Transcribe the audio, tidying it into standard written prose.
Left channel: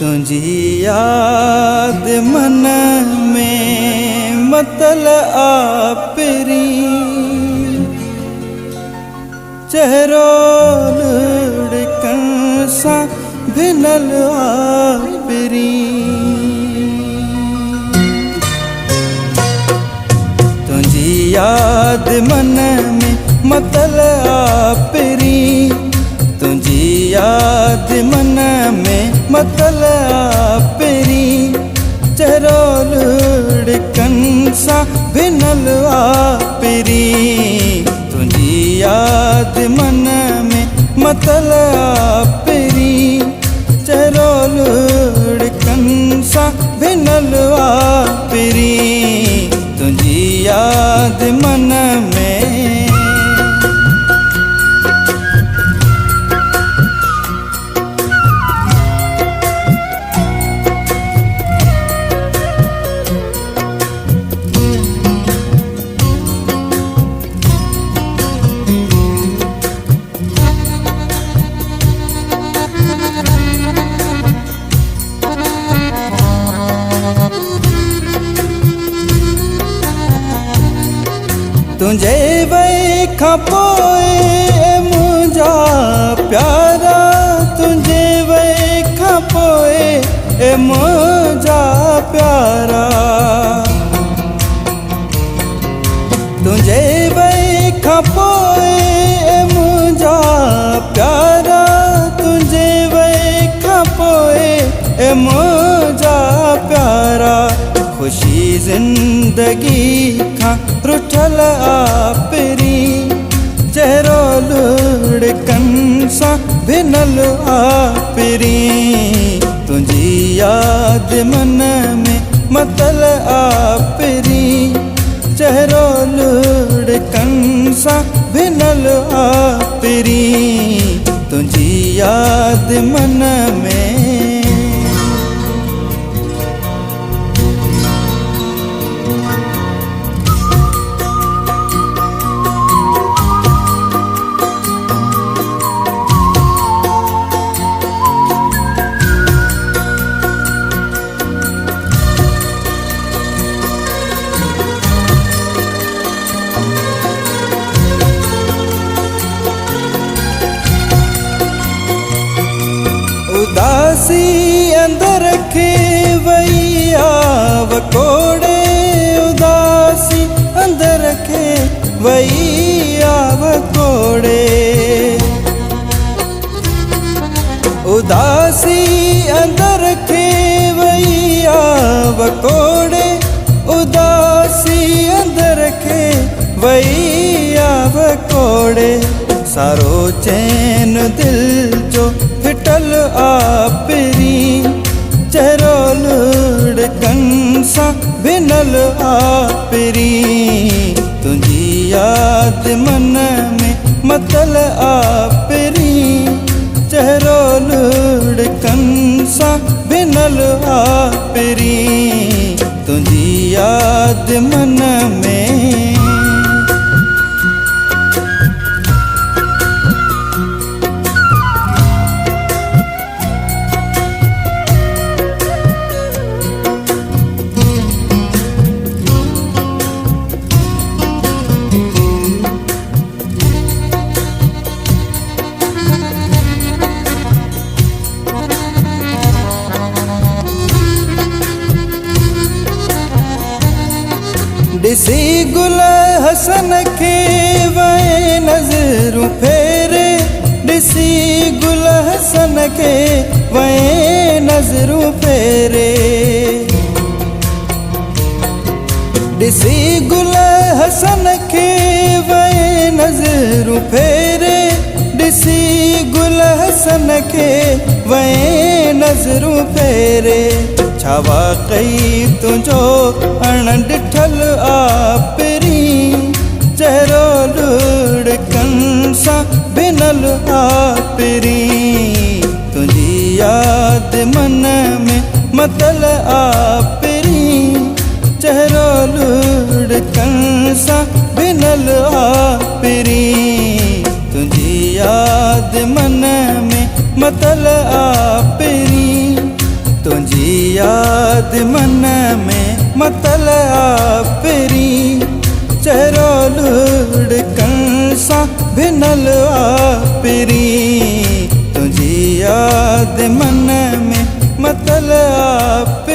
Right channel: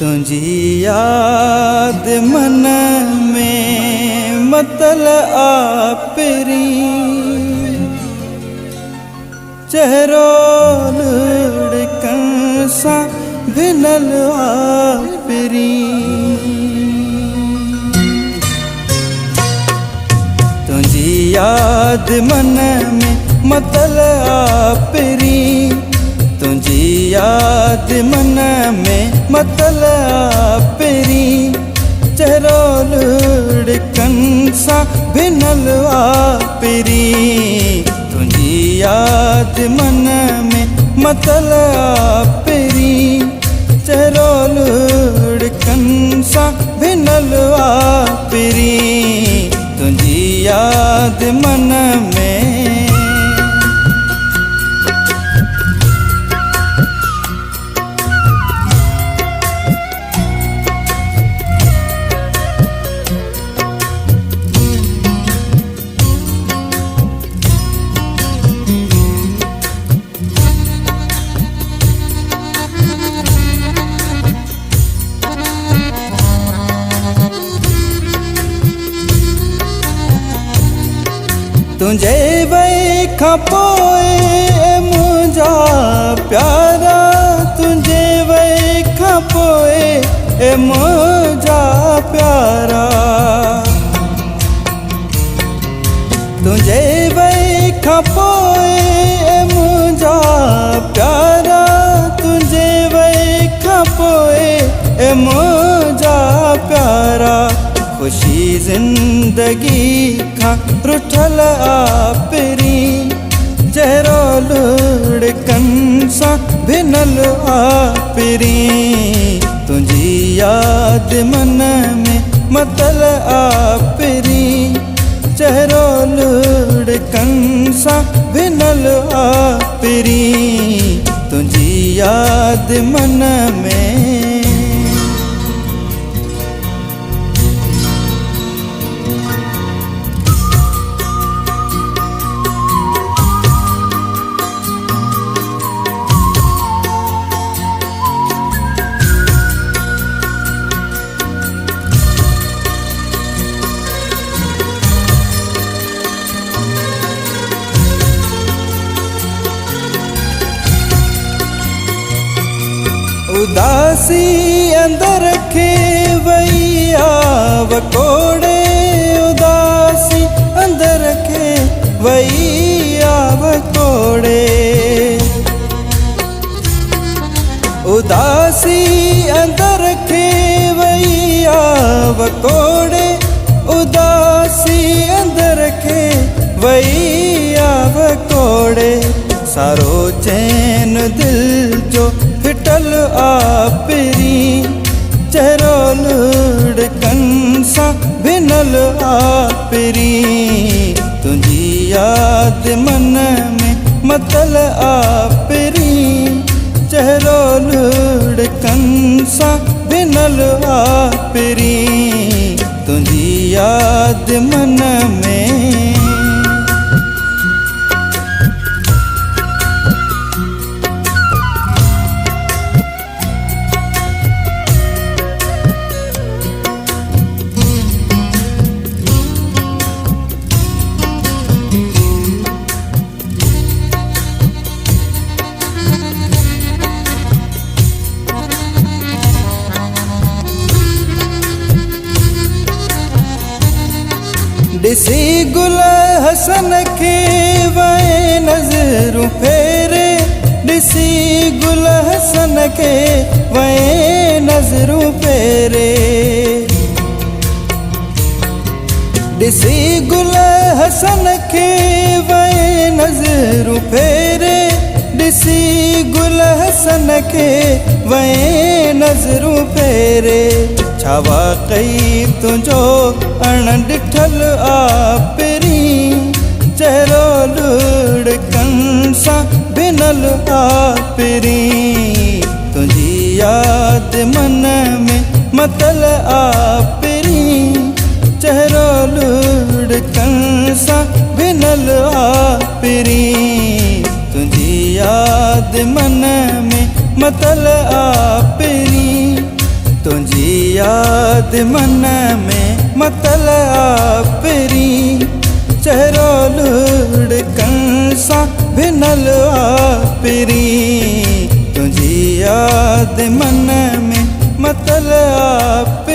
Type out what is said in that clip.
तुझी याद मन में मतल आपरी चेहरो लुढ़कन सा भिनल आपरी। तुझी याद मन में मतल आपरी तुझी याद मन में मतल आपरी चेहरो लुढ़कन सा भिनल आपरी। तुझी याद मन में मतल आपरी चेहरो लुढ़कन सा भिनल आपरी। तुझी याद मन में तुझे वेखा पोए मुझा प्यारा तुझे वेखा पोए मुझा प्यारा। तुझे वेखा पोए मुझा प्यारा तुझे वेखा पोए मुझा प्यारा। खुशी जिंदगी का रुठल आपरी चेहरो लुढ़कन सा भिनल आपरी। तुझी याद मन में मतल आपरी चेहरो लुढ़कन सा भिनल आपरी। तुझी याद मन में उदासी अंदर रखे वैया वकोड़े उदासी अंदर रखे वैया वकोड़े। उदासी अंदर रखे वैया वकोड़े उदासी अंदर रखे वैया वकोड़े। सारो चैन दिल जो फिटल आपरी चेहरो लुढ़कन सा भिनल आपरी। तुझी याद मन में मतल आपरी चेहरो लुढ़कन सा भिनल आपरी। तुझी याद मन में दिसी गुल हसन के वै नजरू फेरे दिसी गुल हसन के वै नजरू फेरे। दिसी गुल हसन के वै नजरू फेरे दिसी गुल हसन के वै नजरू फेरे। छावा कई तुझो अण डिठल आपरी चेहरो लुढ़कन सा भिनल आपरी। तुझी याद मन में मतल आपरी चेहरो लुढ़कन सा भिनल आपरी। तुझी याद मन में मतल आपरी, तुझी याद मन में मतल आपरी। चेहरो लुढ़कन सां भिनल आपरी, तुझी याद मन में मतल आपरी।